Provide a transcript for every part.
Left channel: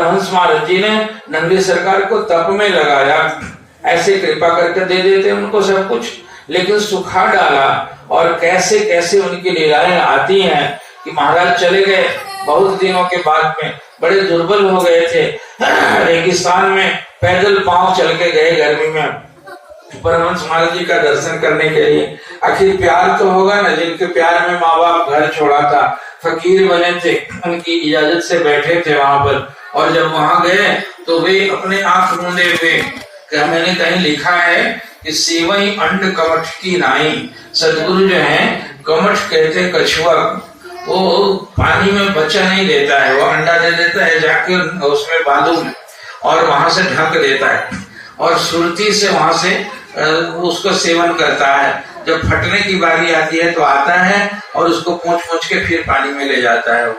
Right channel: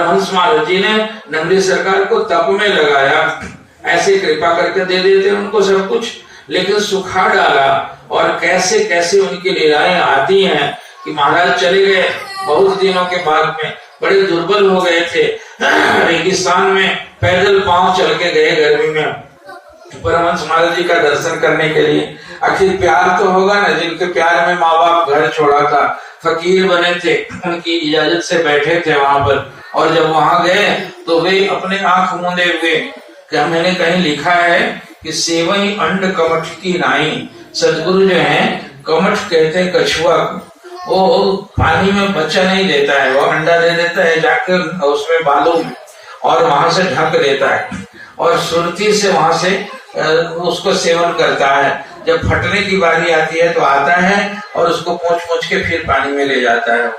हंस महाराज जी ने नंदी सरकार को तप में लगाया, ऐसे कृपा करके दे देते उनको सब कुछ, लेकिन सुखा डाला। और कैसे कैसे उनकी लीलाएं आती हैं कि महाराज चले गए बहुत दिनों के बाद में, बड़े दुर्बल हो गए थे, रेगिस्तान में पैदल पांव चल के गए गर्मी में परमहंस महाराज जी का दर्शन करने के लिए। आखिर प्यार तो होगा ना, जिनके प्यार में माँ बाप घर छोड़ा था, फकीर बने थे, उनकी इजाजत से बैठे थे वहां पर। और जब वहां गए तो वे अपने आंख मूंदे हुए, क्या मैंने कहीं लिखा है कि सेवई अंड कमठ की नाई। सदगुरु जो है कमठ कहते हैं कछुआ, वो पानी में बच्चा नहीं देता है, वो अंडा दे देता है जाके उसमें बालों में, और वहां से ढक देता है और सुरती से वहां से उसको सेवन करता है। जब फटने की बारी आती है तो आता है और उसको पोंछ के फिर पानी में ले जाता है।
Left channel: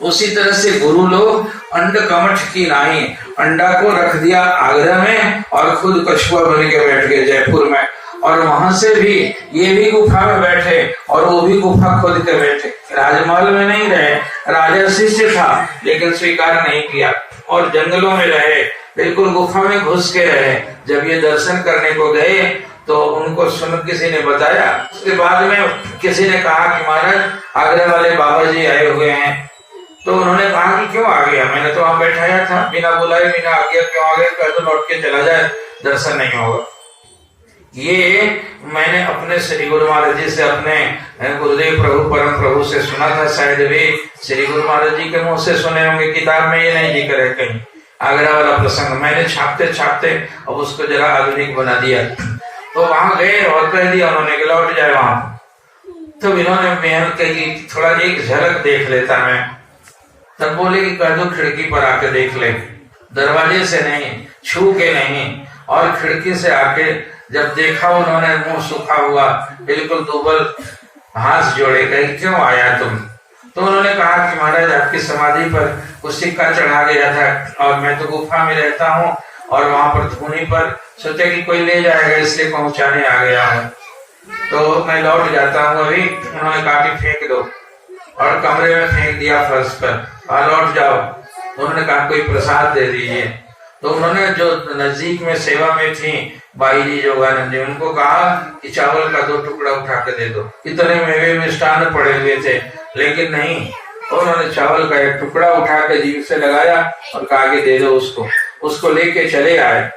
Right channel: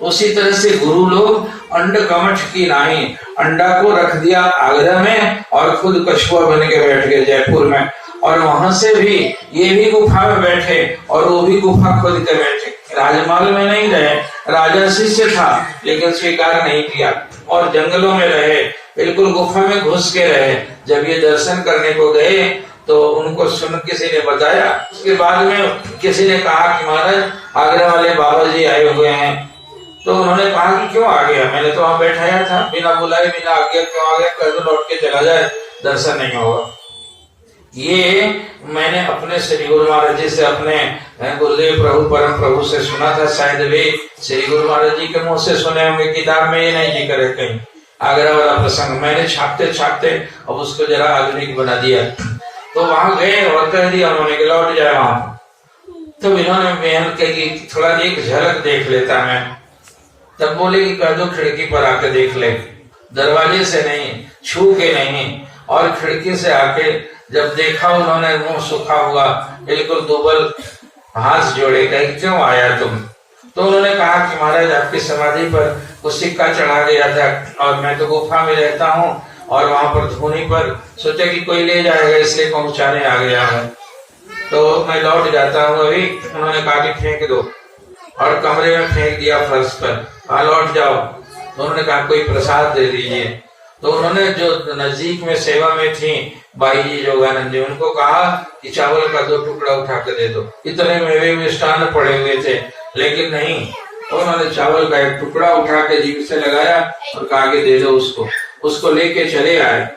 उसी तरह से गुरु लोग अंड कमठ की नाई, अंडा को रख दिया आगरा में और खुद कछुआ बन के बैठ गए जयपुर में। और वहां से भी ये भी गुफा में बैठे और वो भी गुफा खोद के बैठे। राजमहल में नहीं रहे, राजासी से था लेकिन स्वीकार नहीं किया, और जंगलों में रहे, बिल्कुल गुफा में घुस के रहे। जब ये दर्शन करने को गए तो उनको सुन किसी ने बताया। उसके बाद में किसी ने कहा कि महाराज आगरा वाले बाबा जी आए हुए हैं। तो उन्होंने कहा कि क्यों आ गया, मैंने तो वहां बैठाया था, बिना बुलाए बिना आज्ञा क्यों आ गया, कल तो लौट के चला जाए, दर्शन नहीं होगा। ये मैंने अपने श्री गुरु महाराज जी से, अपने गुरुदेव प्रभु परम प्रभु से सुना था। शायद वे श्री गुरु महाराज जी के मुंह से सुने होंगे, किताब में ये नहीं जिक्र है कहीं आगरा वाला प्रसंग। मैंने छापते छापते अब उसको जरा आधुनिक बना दिया। तो वहां गए और कह दिया उन्होंने कि लौट जाए वहां। तो इन्होंने मेहनत की थोड़ा एक झलक देख लेता मैं। तब बोले कि कह दो खिड़की पर आके देख ले, दरवाजे से नहीं, छू के नहीं। और खिड़की से आके जब देखा उन्होंने, मुंह सूखा हुआ, बिल्कुल दुबल, हाथ जोड़े, कहे क्यों आया तुम। तो उन्होंने कहा कि महाराज आपकी समाधि पर कुछ सिक्का चढ़ा गया था और मैं तो गुफा में रहता हूँ और वहां पर धूनी पर सोचा कि कोई ले जाएगा इसलिए पहुंचाने आ गया है, तो मैं लौट जाता हूँ अभी। उन्होंने कहा कि फेंक दो, और कमरे में फेंक दिया फर्श पर, लौट जाओ। तो उन्होंने कहा कोई प्रसाद दे दीजिए। तो उन्होंने जो नजदीक में सेवा में थी बाई जी योगानंद जी, उनको कहा कि चावल का 2 टुकड़ा उठा के दे दो। इतने मेवे मिष्ठान पड़े हुए थे लेकिन नहीं, उन्होंने चावल का 1 टुकड़ा उठा के जीभ से लगाया और कहा कि दे दो उसको। उसको लेके चले आए।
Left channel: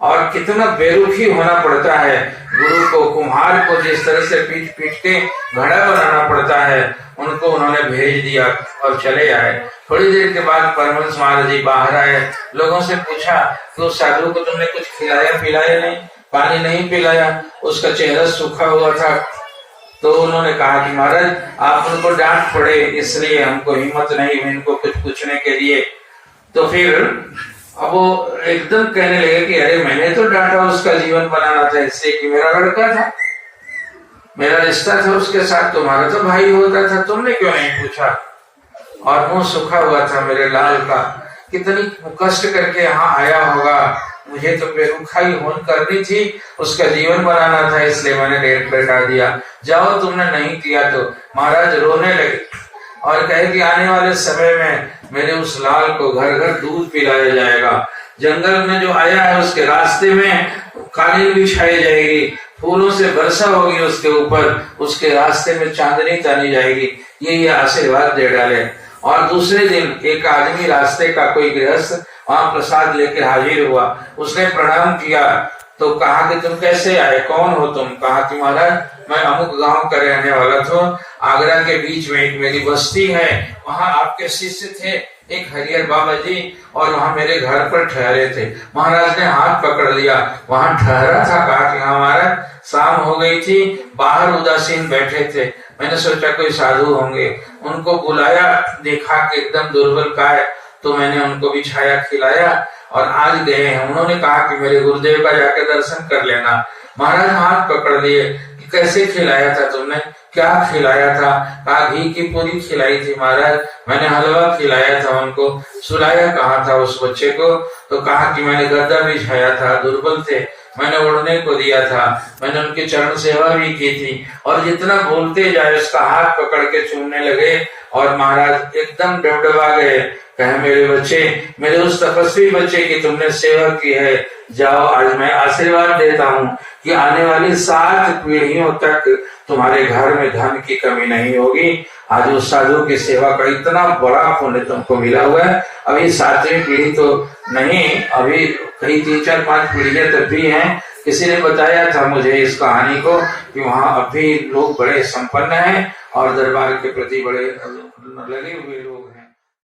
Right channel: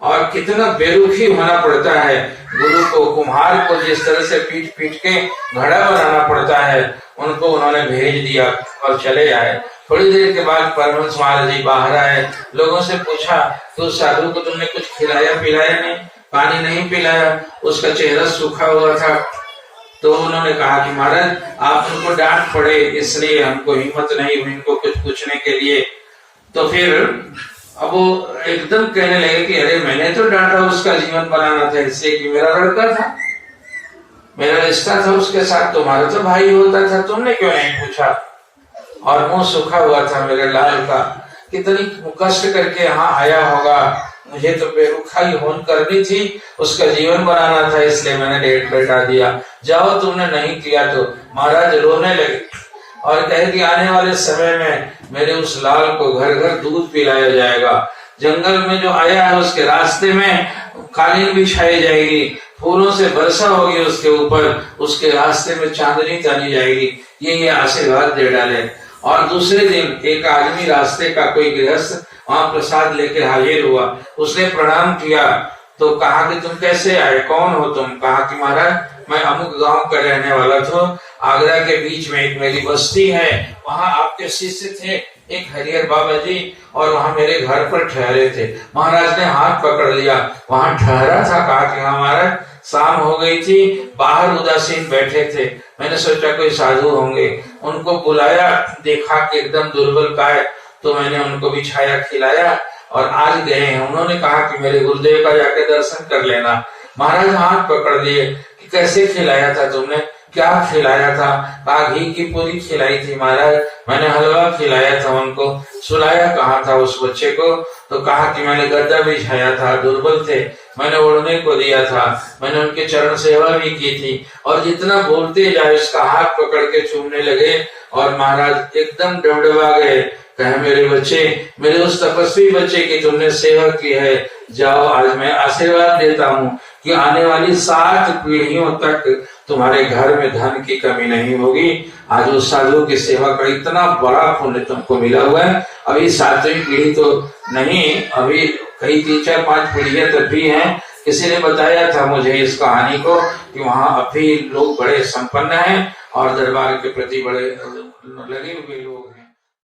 और कितना बेरुखी होना पड़ता है गुरु को, कुम्हार को जिस तरह से पीट पीट के घड़ा बनाना पड़ता है, उनको उन्होंने भेज दिया और चले आए। थोड़ी देर के बाद परमहंस महाराज जी बाहर आए, लोगों से पूछा तो साधु को तुमने कुछ खिलाया पिलाया नहीं, पानी नहीं पिलाया, उसका चेहरा सूखा हुआ था। तो उन्होंने कहा कि महाराज आप उनको डांट पड़े इसलिए हमको हिम्मत नहीं हुई इनको कुछ पूछने के लिए। तो फिर अब वो एकदम कहने लगे कि अरे मैंने तो डांटा, उसका जीवन बनाना था इससे कि मेरा लड़का था, मेरा रिश्ता था उसके साथ, तुम्हारा तो भाई होता था, तुमने क्यों नहीं पूछा। और मुंह सूखा हुआ था मेरे लाल का, कितनी कष्ट करके यहाँ आया होगा, मुझे तो बेरुखाई होन करनी थी, उसका जीवन बनाना था इसलिए मैंने डेट लटा दिया। जाओ तुमने नहीं किया तो। महाराज रोने लगे और कहे कि आने वाले समय में मेरे उस लाल को घर घर दूध पिलाया जाएगा, जंगल में जो आया है उसके रास्ते में कालीन बिछाई जाएगी, फूलों से वर्षा होगी उसके ऊपर, उसके रास्ते में चांदनी तानी जाएगी, ये आशीर्वाद दे डाले। और दूसरे दिन एक आदमी रास्ते का कोई गृहस्थ वहां प्रसाद लेके हाजिर हुआ, उसने प्रणाम किया। तो कहा कि तुम कैसे आए, कौन हो तुम। कहा कि महाराज मैं अमुक गांव का रहने वाला था, आगरा के बीच में एक मेरी बस्ती है, वहां आपके शिष्य थे एक हरिहर बाबा जी, और वहां मेरे घर पर ठहरे थे। महाराज ने हाथ पकड़ लिया, वहां ठहरा था। कहा कि हमारा शाम हो गई थी, बाहर उदासीन बैठे थे, मैंने सोचा कोई साधु होंगे, उनको बुलाया, देखा कि एकदम दुर्बल का है, तो मैंने उनको बिछाया खिलाया और आज गए हैं। उन्होंने कहा कि मेरे गुरुदेव का जाके दर्शन कर लेना। महाराज हाथ पकड़ लिए कि कैसे खिलाया था तुमने, क्या खिलाया था। कहा घी की पूरी खिलाई थी महाराज, मैंने हलवा खिलाया था उनको। सुलाया कहा था उस बच्चे को। तो कहा कि मैंने गद्दा बिछाया था, दुर्बल थे, मैंने उड़ने को दिया था, मैंने उनके चरण सेवा भी की थी। और जितना बोलते जाए उसका हाथ पकड़ के चूमने लगे और महाराज एकदम डबडबा गए। कहे मेरे बच्चे, मेरे उस तपस्वी बच्चे की तुमने सेवा की है, जाओ आज मैं आशीर्वाद देता हूँ कि आने वाली 7 पीढ़ियों तक तुम्हारे घर में धन की कमी नहीं होगी। आज उस साधु की सेवा का इतना बड़ा पुण्य तुमको मिला हुआ है। अभी 7वीं पीढ़ी तो नहीं, अभी कई 3, 4, 5 पीढ़ियां तक भी हैं। किसी ने बताया था मुझे इस कहानी को कि वहां अभी लोग बड़े संपन्न हैं और दरबार के प्रति बड़े लगे हुए लोग